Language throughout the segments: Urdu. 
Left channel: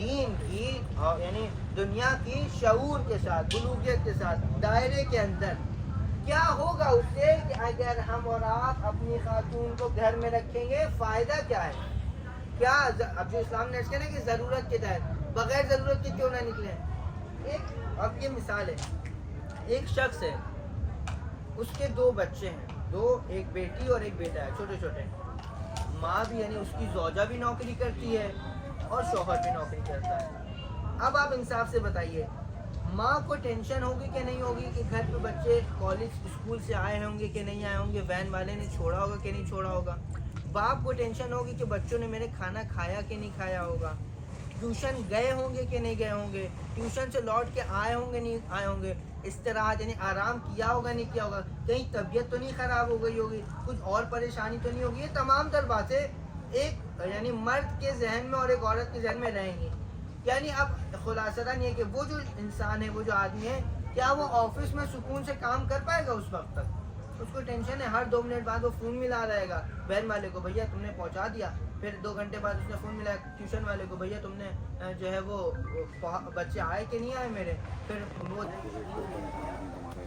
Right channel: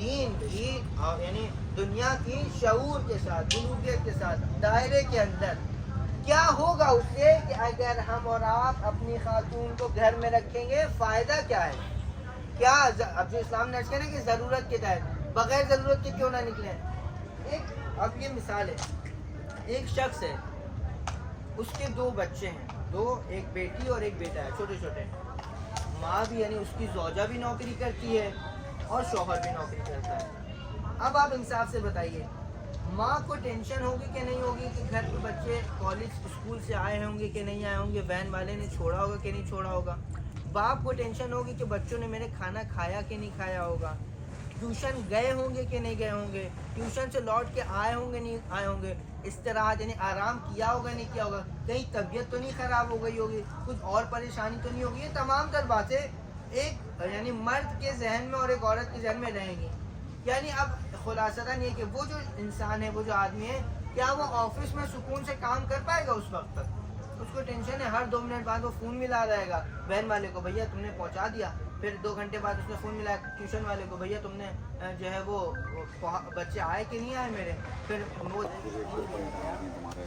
دین کی یعنی دنیا کی شعور کے ساتھ بلوغیت کے ساتھ دائرے کے اندر کیا ہوگا اس سے کہ اگر ہم اور آپ اپنی خاتون کو گھر میں رکھیں گے فائدہ کیا ہے؟ کیا اب جو اسلام نے عرض کیا نا کہ ضرورت کے تحت بغیر ضرورت کے کیوں نہ نکلیں. ایک اب یہ مثال ہے, ایک شخص ہے, اس کے 2 بچے ہیں, ایک بیٹی اور ایک بیٹا ہے, چھوٹے چھوٹے. ماں بھی یعنی اس کی زوجہ بھی نوکری کرتی ہے اور شوہر بھی نوکری کرتا ہے. اب آپ انصاف سے بتائیے, ماں کو ٹینشن ہوگی کہ نہیں ہوگی کہ گھر پہ بچے کالج اسکول سے آئے ہوں گے کہ نہیں آئے ہوں گے, وین والے نے چھوڑا ہوگا کہ نہیں چھوڑا ہوگا. باپ کو ٹینشن ہوگی کہ بچوں نے میرے کھانا کھایا کہ نہیں کھایا ہوگا, ٹیوشن گئے ہوں گے کہ نہیں گئے ہوں گے, ٹیوشن سے لوٹ کے آئے ہوں گے نہیں آئے ہوں گے, استراحت یعنی آرام کیا ہوگا نہیں کیا ہوگا, کہیں طبیعت تو نہیں خراب ہو گئی ہوگی, کچھ اور پریشانی تو نہیں ہوگی. یہ تمام تر باتیں ایک یعنی مرد کے ذہن میں اور ایک عورت کے ذہن میں رہیں گی. یعنی اب خلاصتاً یہ کہ وہ جو انسان ہے, وہ جو آدمی ہے, کیا وہ آفس میں سکون سے کام کر پائے گا؟ اس وقت تک اس کو ٹینشن ہے, ہر 2 منٹ بعد وہ فون ملا رہے گا وین والے کو, بھیا تم نے پہنچا دیا. پھر 2 گھنٹے بعد اس نے فون ملایا ٹیوشن والے کو, بھیا تم نے جو ہے وہ بچے آئے کہ نہیں آئے میرے. پھر وہ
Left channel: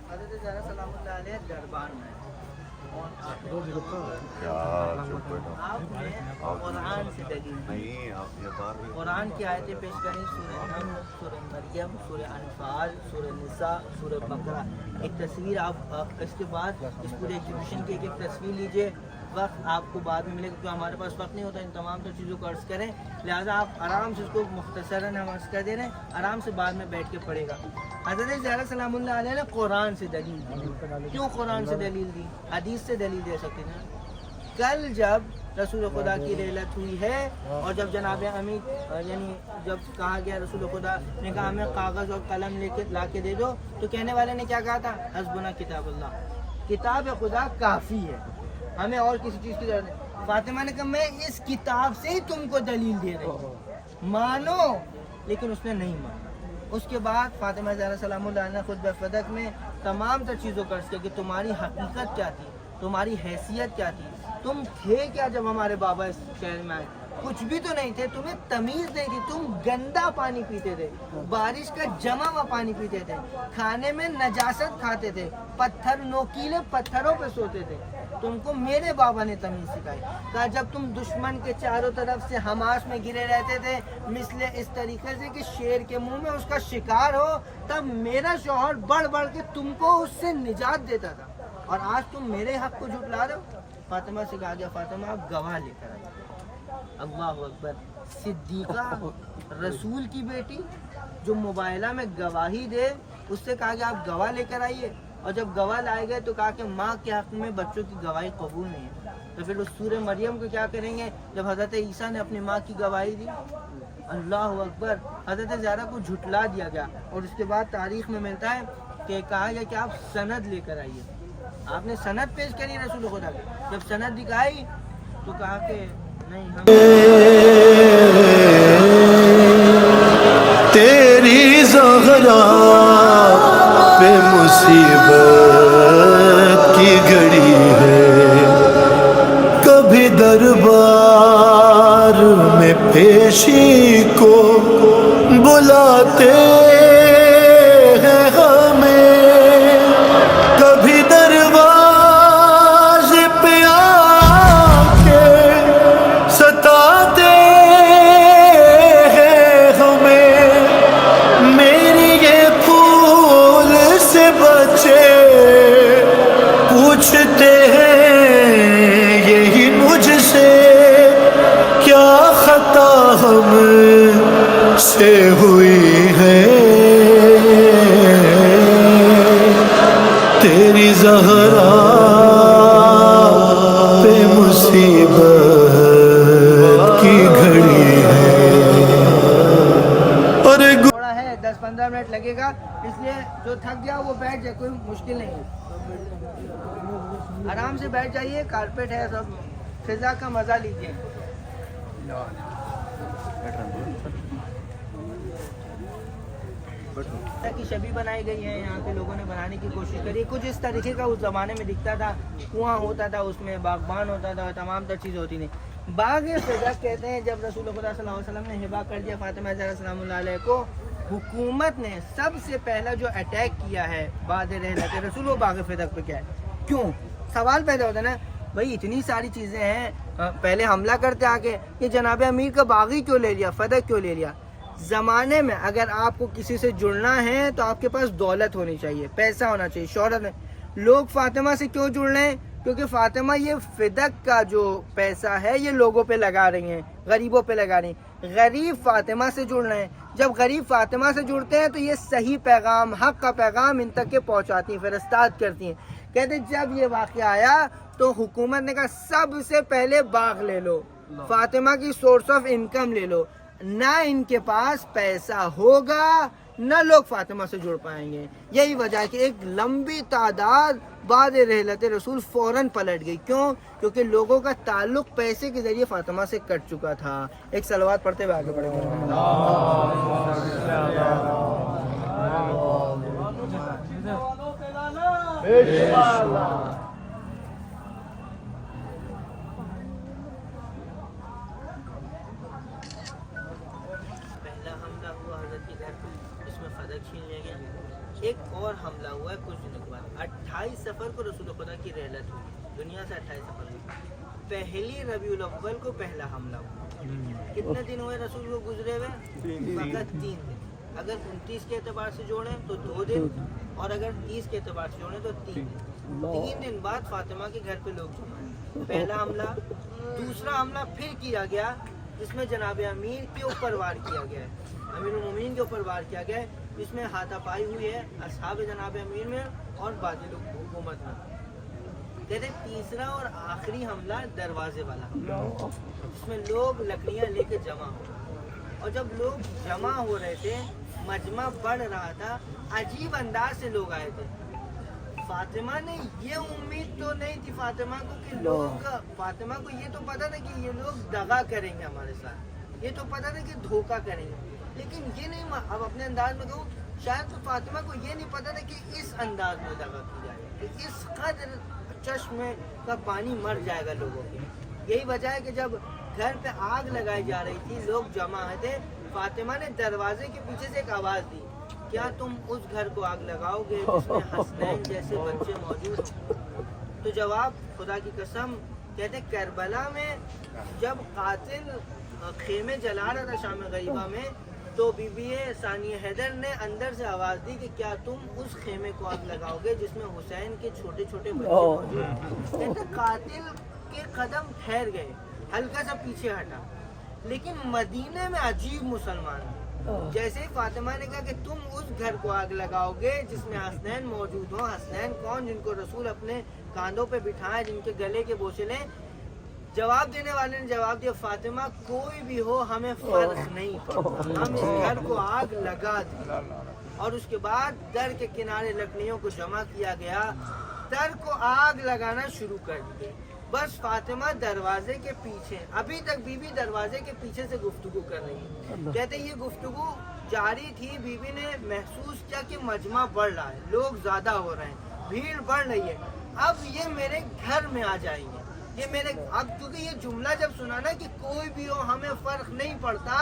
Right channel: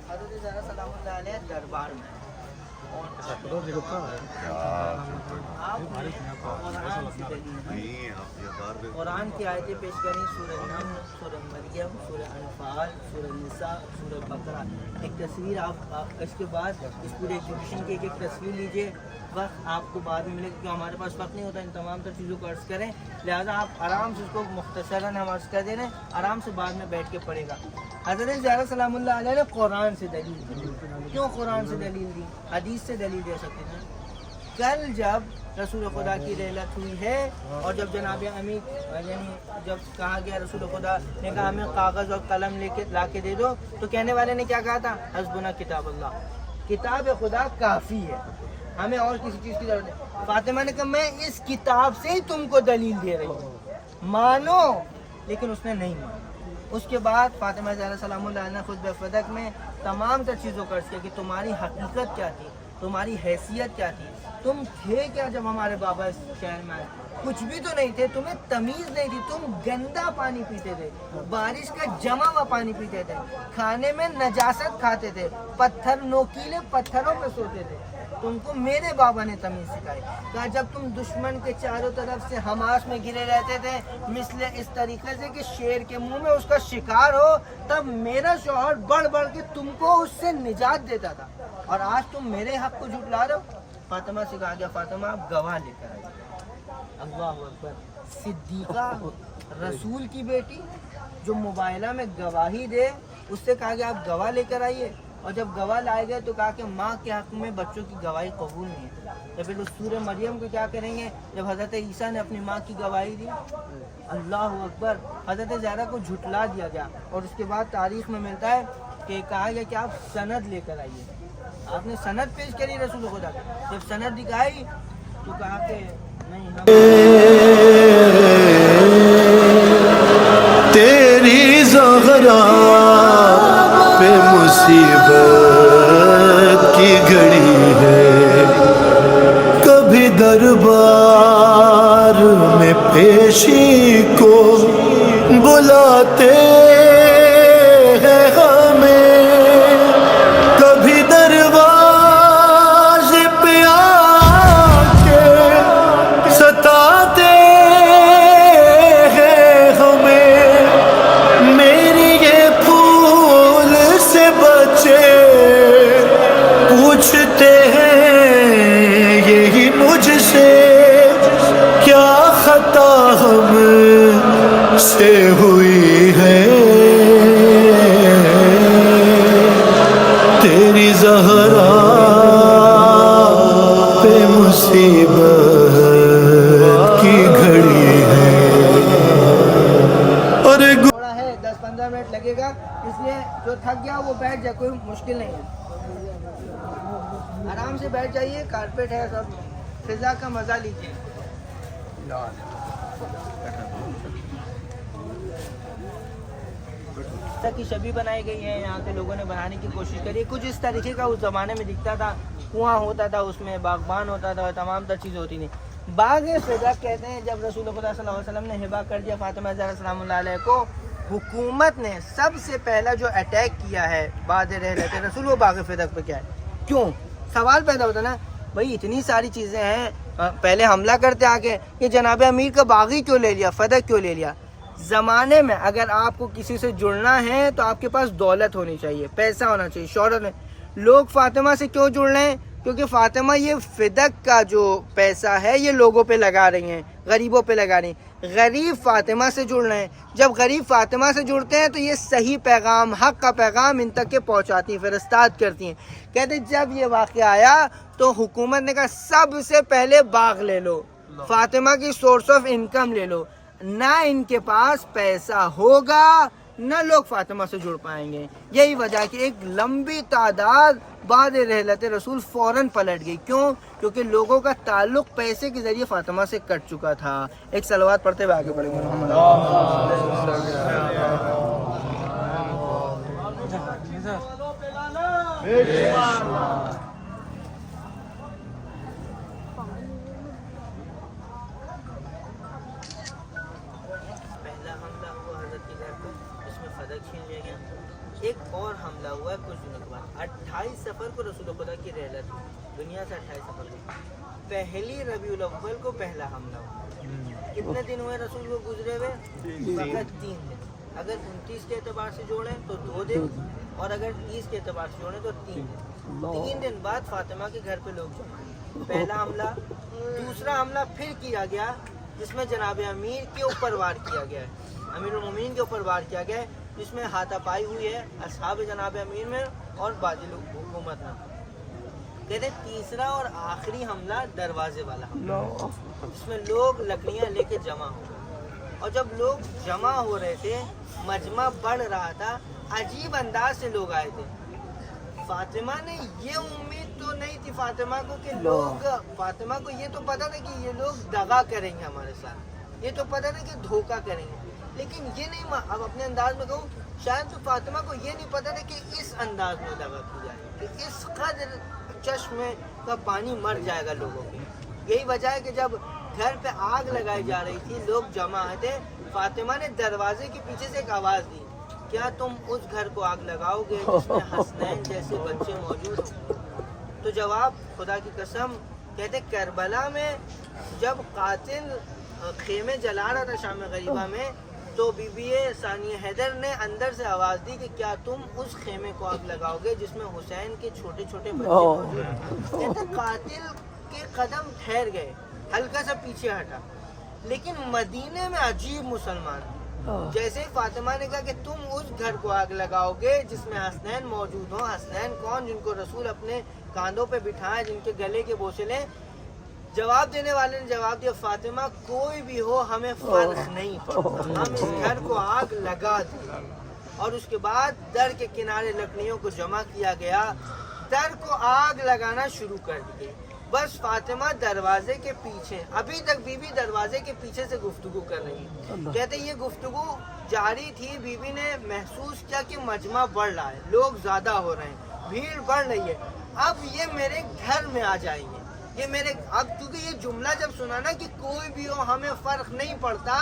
حضرت زہرا سلامت علیہ دربار میں آپ نے قرآن سے دلیل دی, قرآن کی آیتیں پیش کریں, سورہ نمل, سورہ مریم, سورہ انفال, سورہ نساء, سورہ بقرہ. ایک تصویر آپ اس کے بعد اس پورے ایگزیبیشن کی ایک تصویر لیجئے. وقت آپ کو بعد میں ملے گا, کیونکہ ہمارے پاس وقت نہیں ہوتا ان تمام تر چیزوں کو عرض کریں, لہٰذا آپ آرام سے اس کو مختصراً ہم عرض کر دے رہے ہیں, آرام سے بعد میں بیٹھ کے پڑھے گا. حضرت زہرا سلام اللہ علیہ نے قرآن سے دلیل دی. کیوں قرآن سے دلیل دی؟ حدیث سے دلیل دے سکتے ہیں. کل جب رسول خدا کی رحلت ہوئی ہے اور جب جناب امیر یعنی جب کہا گیا رسول خدا نے کہا ہمیں کاغذ اور قلم لے کے لا کے دے دو, تو کہنے والے نے کیا کہا تھا؟ حسبنا کتاب اللہ, کتاب خدا کافی ہے, ہمیں اور کسی چیز کی ضرورت نہیں. فاطمہ نے کہا میں اس کتاب سے ہی تم کو دلیل دے رہی ہوں, مانو. لیکن اس نے نہیں مانا. اس کے بعد فاطمہ زہرا سلام اللہ علیہ نے خطبہ فدق میں تمام تر چیزوں کا عرض کیا کہ تمہاری حقیقت کیا تھی, تمہاری حیثیت کیا تھی, تم تھے کیا جب ہمارے بابا اس شہر میں آئے؟ کچھ بھی تو نہیں تھے, تمہیں تمیز نہیں تھی, تم گندا پانی پیتے تھے, بارش کا جمع ہوا پانی پیتے تھے, کھانے میں نجاست کھاتے تھے, پتھر نوکیلے پتھروں پہ سوتے تھے. تم کو میرے بابا نے تمیز سکھائی. کہا جب تم دشمن کے چاروں طرف سے حماس میں گرے رہتے تھے مثل اس طریقے سے کہ شیر کے منہ میں اس کا شکار ہو, تب میرا شوہر بڑھ بڑھ کے تم کو اس سے نجات دیتا تھا, اور آج تم میرے حق کو جھٹلا رہے ہو. فاطمہ سے کہا گیا فاطمہ آپ گواہ لے کر آئیے. اللہ اکبر. صدیقہ رسول کی بیٹی جو موبائلہ میں گواہی دے, اس سے کہا گیا آپ گواہ لے کر آئیے. اور جب گواہ لائے گئے تو کہا کہ ماں کے حق میں بچوں کی گواہی قبول نہیں ہے. تو پھر اس سورہ مریم کو کیا کریں گے جب حضرت عیسیٰ نے اپنی ماں کی گواہی دی؟ اللہ اکبر. حضرت زہرا کو جھٹلا دیا گیا, اور اس کے بعد تاریخ میں ملتا ہے کہ کہا گیا کہ آپ سند لے کر آئیے. آپ نے سند پیش کری رسول خدا کی. جب سند دکھائی تو کہا کہ نہیں, ہم تیری زہرا پہ مصیبت کی گھڑی ہے, کبھی دربار میں پیشی کو بلاتے ہیں ہمیں, کبھی دروازے پہ آ کے ستاتے ہیں ہمیں. میری یہ پھول سے بچے پوچھتے ہیں یہی مجھ سے, کیا خطا ہم سے ہوئی ہے, تیری زہرا پہ مصیبت کی گھڑی ہے. اور تھوڑا ہے 10-15 منٹ لگے گا, اس لیے جو تھک گیا وہ بیٹھ جائے, کوئی مشکل نہیں ہے, آرام سے بیٹھ جائیے. کارپیٹ ہے, سب فضا کا مزہ لیجیے. کی شبی بنائی گئی ہے, یہاں کے لوگوں نے بنانے کی کوشش کری. کچھ اس طریقے کا اس زمانے میں دکھتا تھا, کنواں ہوتا تھا, اس میں باغبان ہوتا تھا, اور تمام تر چیزیں ہوتی تھیں. باغ فدق کہتے ہیں جب رسول خدا صلی اللہ علیہ وسلم نے ہبہ کر دیا فاطمہ زہرا سلام اللہ علیہ کو، حکومت نے سب سے پہلا جو اٹیک کیا ہے بعد رحلت رسول وہ باغ فدق پہ کیا ہے؟ کیوں؟ سوال پیدا ہوتا نا بھائی اتنی ساری چیزیں ہیں، پہلے حملہ کرتے آگے کہ جناب امیر کا باغی کیوں لے لیا، فدق کیوں لے لیا؟ زمانے میں اگر آپ کو کسی سے جڑنا ہے تو آپ کے پاس دولت ہونی چاہیے، پیسہ ہونا چاہیے، شہرت ہے۔ لوگ فاطمہ سے کیوں جڑ رہے ہیں؟ کیونکہ فاطمہ یہ فدق کا جو پیسہ ہے یہ لوگوں پہ لگا رہی ہیں، غریبوں پہ لگا رہی ہیں، غریب فاطمہ سے جڑ رہے ہیں۔ جب غریب فاطمہ سے جڑتے ہیں تو یہ صحیح پیغام، حق کا پیغام ان تک کے پہنچاتی ہیں، فرستاد کرتی ہیں۔ کہتے جب یہ واقعہ آیا تو حکومت نے کہا سب سے پہلے باغ لے لو، فاطمہ کی سورس آف انکم لے لو، نہ ان کے پاس پیسہ ہوگا نہ لوگ فاطمہ سے جڑ پائیں گے۔ یہی وجہ ہے کہ ایک لمبی تعداد بعد رحلت رسول فوراً پلٹ گئی۔ کیوں؟ کیونکہ لوگوں کا تعلق پیسے کے ذریعے فاطمہ سے کٹ چکا تھا۔ ایک صلوات پڑھتے ہوئے آگے بڑھیں گے۔ پہلا حملہ ہوا حضرت کے گھر پہ، اس میں فدق چھین لیا گیا۔ ایک اور حملہ ہوا ہے کچھ دنوں کے بعد، 28 سفر کو رسول خدا کی رحلت ہوئی، دنیا سے 28 سفر کو، پہلی ربیع الاول کو پہلا حملہ ہوا۔ کتنے دن ہوئے رسول کو گزرے ہوئے؟ فقط 3 دن۔ اگر 29 کے اعتبار سے جوڑیں تو 2 دن، اور اگر 30 کے اعتبار سے جوڑیں تو 3 دن۔ 3 دن بعد فاطمہ کے گھر پہ لوگ جمع ہیں۔ پہلا حملہ، دوسرا حملہ پھر کیا گیا جس میں جناب امیر کے اوپر وار کیا گیا ہے، امیر المومنین کے اوپر وار کیا گیا ہے، جس میں ہاتھا پائی ہوئی ہے اصحاب جناب امیر میں اور باقی لوگ حکومت میں۔ کہتے ہیں تیسرا اور آخری حملہ دروازے والا حملہ، جس میں لوگ لکڑیاں لے کے جمع ہو گئے، اور جب لوگ جمع ہو رہے تھے مجمع بڑھ رہا تھا، عجیب انداز سے لوگ آئے تھے۔ فاطمہ نے یہ امید تو نہیں تھی فاطمہ کو کہ لوگ، فاطمہ کو یہ تو پتا تھا کہ یہ لوگ دغا کریں گے ہمارے ساتھ، یہ تو پتا تھا کہ دھوکہ کریں گے، لیکن یہ نہیں، اب اپنے انداز میں کہوں شاید تو فاطمہ کو یہ نہیں پتا تھا کہ اس انداز میں دغا کی جائے، کہ اس قدر چشم کا پانی مر جائے گا لوگوں کو۔ یہی وجہ ہے کہ جب گھر پہ آگ لگائی جا رہی تھی، لوگ جمع آئے تھے، فاطمہ نے دروازے کے پیچھے سے ایک آواز دی، کیا تم اس گھر کو آگ لگاؤ گے جس میں حسنین جیسے بچے موجود ہیں؟ تو جواب خدا کی قسم، کہتے کربلا میں جب قاتل خیمے جلا رہا تھا شام غریبہ میں، تو بی بی ثانیہ حیدر نے اندر سے آواز دی کہ کیا تم اس خیمے کو آگ لگاؤ گے جس میں حسین کے چھوٹے چھوٹے بچے موجود ہیں؟ کہتے قاتل کے قدم ٹھہر گئے، ہلکا سا پیچھے ہٹا، لیکن مدینے میں عجیب مسلمان، جیسے فاطمہ نے کہا کہ تم اس گھر کو آگ لگاؤ گے جس میں حسنین موجود ہوں۔ حسنین کون؟ جن کو رسول اپنے کاندھوں پہ بٹھائے، جن کے گلے کے بوسے لیں۔ جواب دینے والے نے جواب دیا فاطمہ کوئی بھی ہو ہمیں فرق نہیں پڑتا، ہم اس گھر کو آگ لگا دیں۔ اور اس کے بعد در کے کنارے لکڑیوں کو جمع کیا گیا، در کو آگ لگانا شروع کر دی۔ بس فاطمہ دروازے کے پیچھے، ابھی تک بی بی دروازے کے پیچھے سے گفتگو کر رہی ہے۔ کہتے یہ گفتگو جاری تھی، بی بی نے محسوس کیا کہ مجمع بڑھ رہا ہے، لوگ زیادہ ہو رہے ہیں، بھیڑ بڑھ رہی ہے، اب یہ میرے گھر میں آ جائیں گے، یہ میرے، اب کیونکہ یہ جملہ جب سنا نا کہ کوئی بھی ہو ہمیں فرق نہیں پڑتا،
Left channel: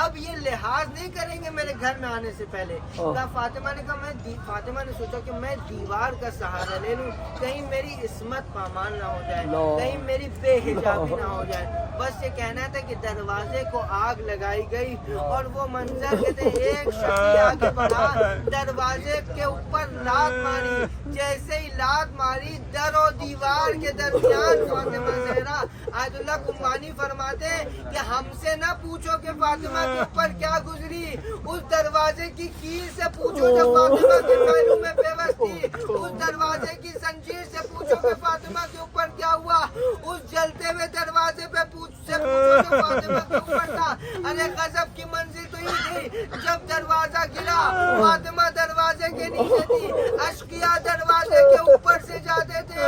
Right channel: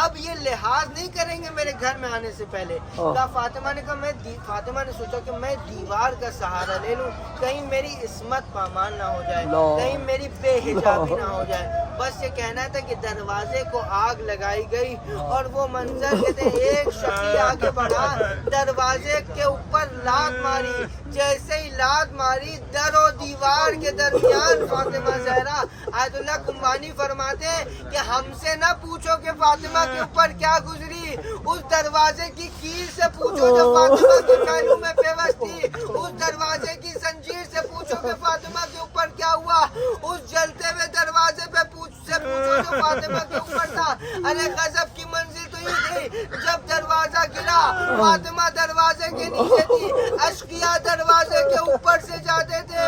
اب یہ لحاظ نہیں کریں گے میرے گھر میں آنے سے پہلے۔ فاطمہ نے کہا فاطمہ نے سوچا کہ میں دیوار کا سہارا لے لوں، کہیں میری عصمت پامال نہ ہو جائے، کہیں میری بے حجابی نہ ہو جائے۔ بس یہ کہنا تھا کہ دروازے کو آگ لگائی گئی، اور وہ منظر کہتے ایک شخص آگے بڑھا، دروازے کے اوپر لات ماری، جیسے ہی لات ماری در و دیوار کے درمیان فاطمہ زہرا، آیت اللہ کمبانی فرماتے ہیں کہ ہم سے نہ پوچھو کہ فاطمہ کے اوپر کیا گزری، اس دروازے کی کیل سے پوچھو جو فاطمہ کے پہلو میں پیوست تھی، اس دروازے کی زنجیر سے پوچھو کہ فاطمہ کے اوپر کیا ہوا، اس جلتے ہوئے دروازے پہ سے پوچھو جو فاطمہ کے اوپر تھا۔ ارے غضب کی منزل تو یہ تھی، جب دروازہ گرا فاطمہ دروازے کے نیچے تھی، اشقیاء دروازے کے اوپر سے جاتے تھے،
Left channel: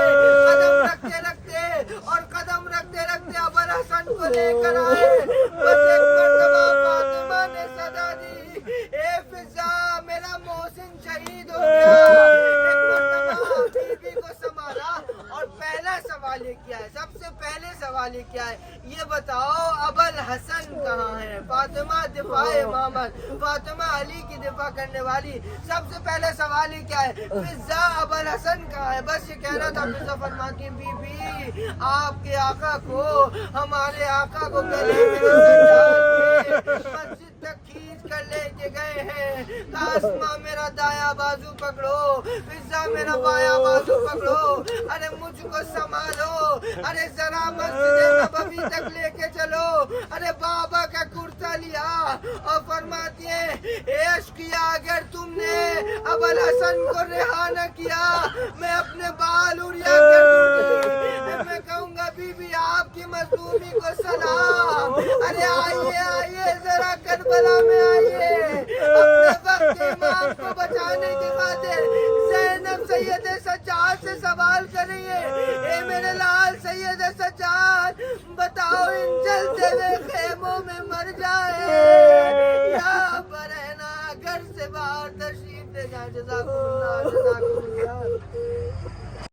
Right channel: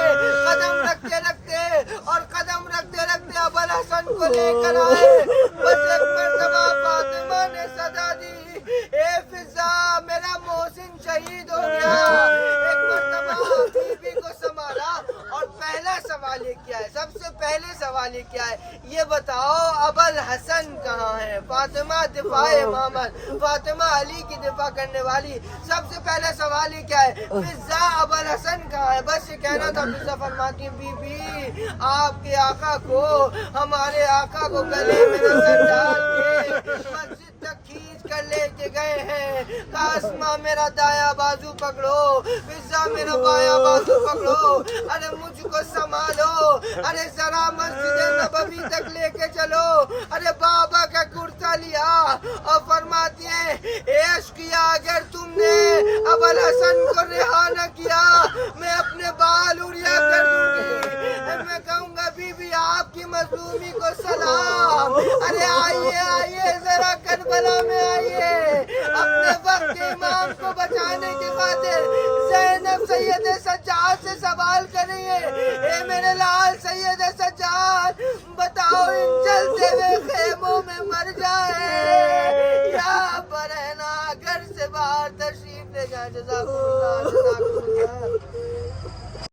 قدم رکھتے رکھتے اور قدم رکھتے رکھتے ابوالحسن کو لے کر آئے۔ بس ایک مرتبہ فاطمہ نے صدا دی، اے فضا میرا محسن شہید ہو گیا۔ ایک مرتبہ بی بی کو سنبھالا، اور پہلا سوال یہ کیا ہے، سب سے پہلے سوال یہ کیا ہے، یہ بتاؤ ابل حسن کہاں ہے؟ فاطمہ دفاع محمد، فاطمہ علی کی دفاع کرنے والی، سب سے پہلے سوال یہ کیا ہے، فضا ابل حسن کہاں ہے؟ بس یہ کہنا تھا فضا فرماتی ہیں بی بی آپ کے آقا کو، ہمارے آقا کو گلے میں سجاد کے مسجد تک کھینچ کر لے کے گئے ہیں، قاسمہ میرا دایا بازو پکڑو، فضا میرا بایاں بازو پکڑو، ارے مجھ کو سنبھالو، ارے ذرا مسجد نبوی تک لے کے چلو، ارے بابا کا کرتا لیا اور فرماتی ہیں عشق کیا اگر تم نے ابل حسن کو رہا نہ کیا میں اپنے بال اڑیا کر دوں گی، میں کہوں گا بی بی آپ کی مظلومی کو سلام، ارے آئیے آئیے ذرا کربلا میں آئیے، اپنے وقت امام کو بچانے کی خاطر زینب سید سجاد سے سوال کر رہی ہے، اے میرے لال سید سجاد بتاؤ ان جلتے ہوئے خیموں میں مر جائے یا برہنا گھر سے باہر تشریف لے جائیں؟ جزاکم اللہ، جزاکم اللہ۔